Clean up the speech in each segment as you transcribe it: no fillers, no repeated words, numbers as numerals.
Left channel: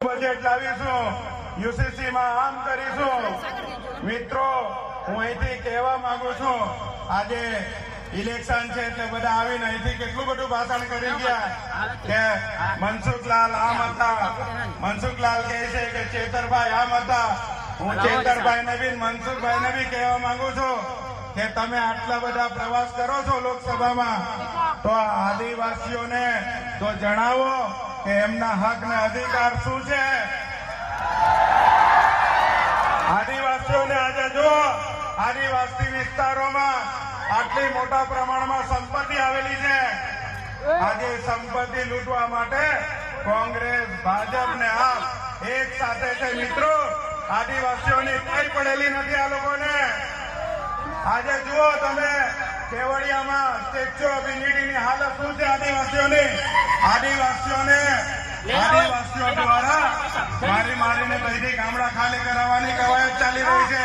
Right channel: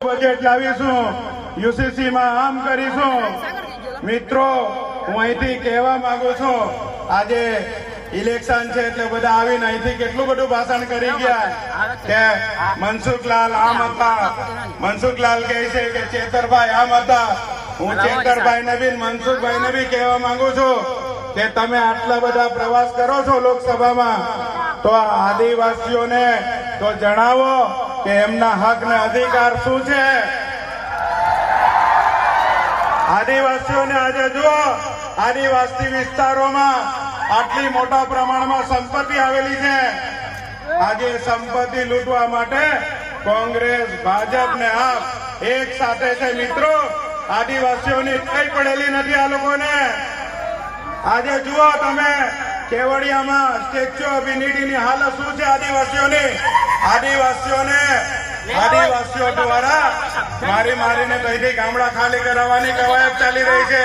Budget લાવીશું, UCC માં આમ કરીશું. મિત્રો, હું અહીંથી કહેવા માંગુ છું, આજે ઇલેક્શન છે એટલે બધા આવીને અહીંથી કેટલું બધું ભાષણ કરી ગયા કે મનસુખલાલ આમ હતા, મનસુખલાલ કહે છે કે ચેતરભાઈ આમ હતા. હું ચેતરભાઈ ને બી મનસુખભાઈ ને બી કહેવા માંગુ છું કે તમે આટલા બધા પ્રવાસ કરો છો લોકસભામાં, તો આદિવાસીઓને તો જણાવો કે એમના હક ને અધિકાર શું છે. આદિવાસીઓને આજે જો આદિવાસી વિસ્તારોમાં આટલી મોટા પ્રમાણમાં સંપત્તિ આવેલી છે. આજે સંપત્તિ લૂંટવા માટે કોંગ્રેસ, ભાજપ ને આપ એક સાથે છે. મિત્રો, આદિવાસીઓની કઈ પડેલી નથી આ લોકોને. આજે જુઓ તમે કેવડિયામાં સ્ટેચ્યુ ઓફ યુનિટીની હાલત શું છે આદિવાસીઓની. આદિવાસીઓ દ્વારા મારીને બધી ગામડા ખાલી કરાવવાની કવાયત ચાલી રહી છે.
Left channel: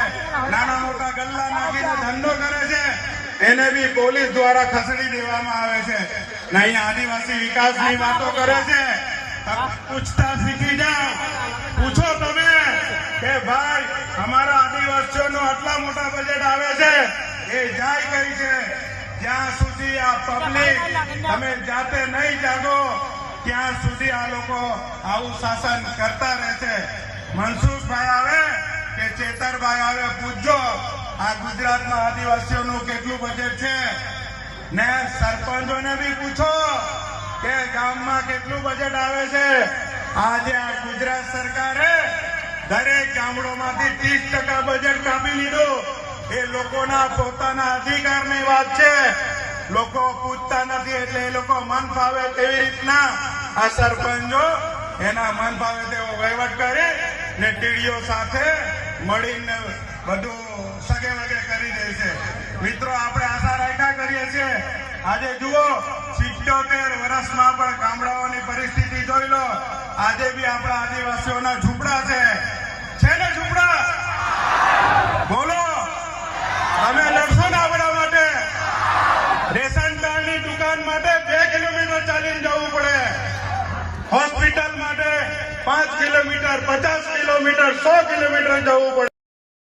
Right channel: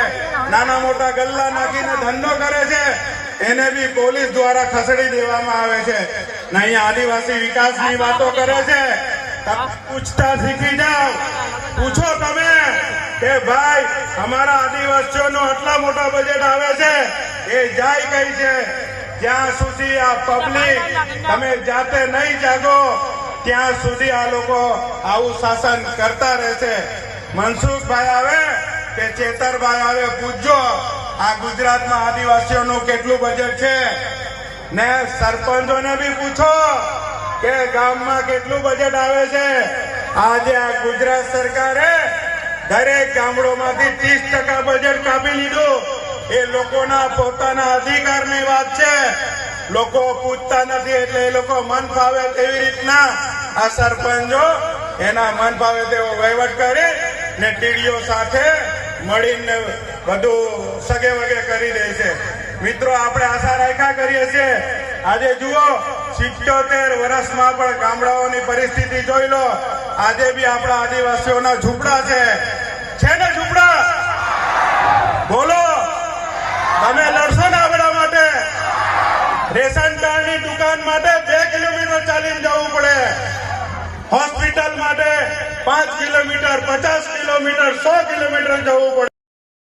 નાના મોટા ગલ્લા નાખીને ધંધો કરે છે, એને બી પોલીસ દ્વારા ખસેડી દેવામાં આવે છે. નહીં આદિવાસી વિકાસની વાતો કરે છે. પૂછતા શીખી જાઓ. પૂછો તમે કે ભાઈ અમારા આદિવાસીઓનો આટલા મોટા બજેટ આવે છે, એ જાય કઈ છે. જ્યાં સુધી આ પબ્લિક તમે જાતે નહીં જાગો ત્યાં સુધી આ લોકો આવું શાસન કરતા રહેશે. મનસુખભાઈ આવે કે ચેતરભાઈ આવે, પૂછજો આ ગુજરાતમાં આદિવાસીઓનું કેટલું બજેટ છે. ને સરપંચોને બી પૂછો કે ગામમાં કેટલું બજેટ આવે છે. આજે આ ગુજરાત સરકારે દરેક ગામડોમાંથી 30% બજેટ કાપી લીધું. એ લોકોના પોતાના અધિકારની વાત છે. લોકો પૂછતા નથી એટલે એ લોકો મન ફાવે તેવી રીતના આ સરપંચો એના મન ફાવે તેવો વહીવટ કરે ને ટીડીઓ સાથે મળીને બધું સગે વગે કરી દે છે. મિત્રો, આપણે આશા રાખ્યા કરીએ છીએ. આજે જુઓ 77 વર્ષમાં પણ ગામડાઓની પરિસ્થિતિ જોઈ લો. આજે બી આપણા આદિવાસીઓના ઝૂંપડા છે ને ઝૂંપડા? બોલો, તમે લડશો ને આપણા માટે? રેશન કાર્ડની દુકાન માટે 2 કિલોમીટર ચાલીને જવું પડે. હોસ્પિટલ માટે 5 કિલોમીટર, 50 કિલોમીટર, 100 કિલોમીટર જવું પડે.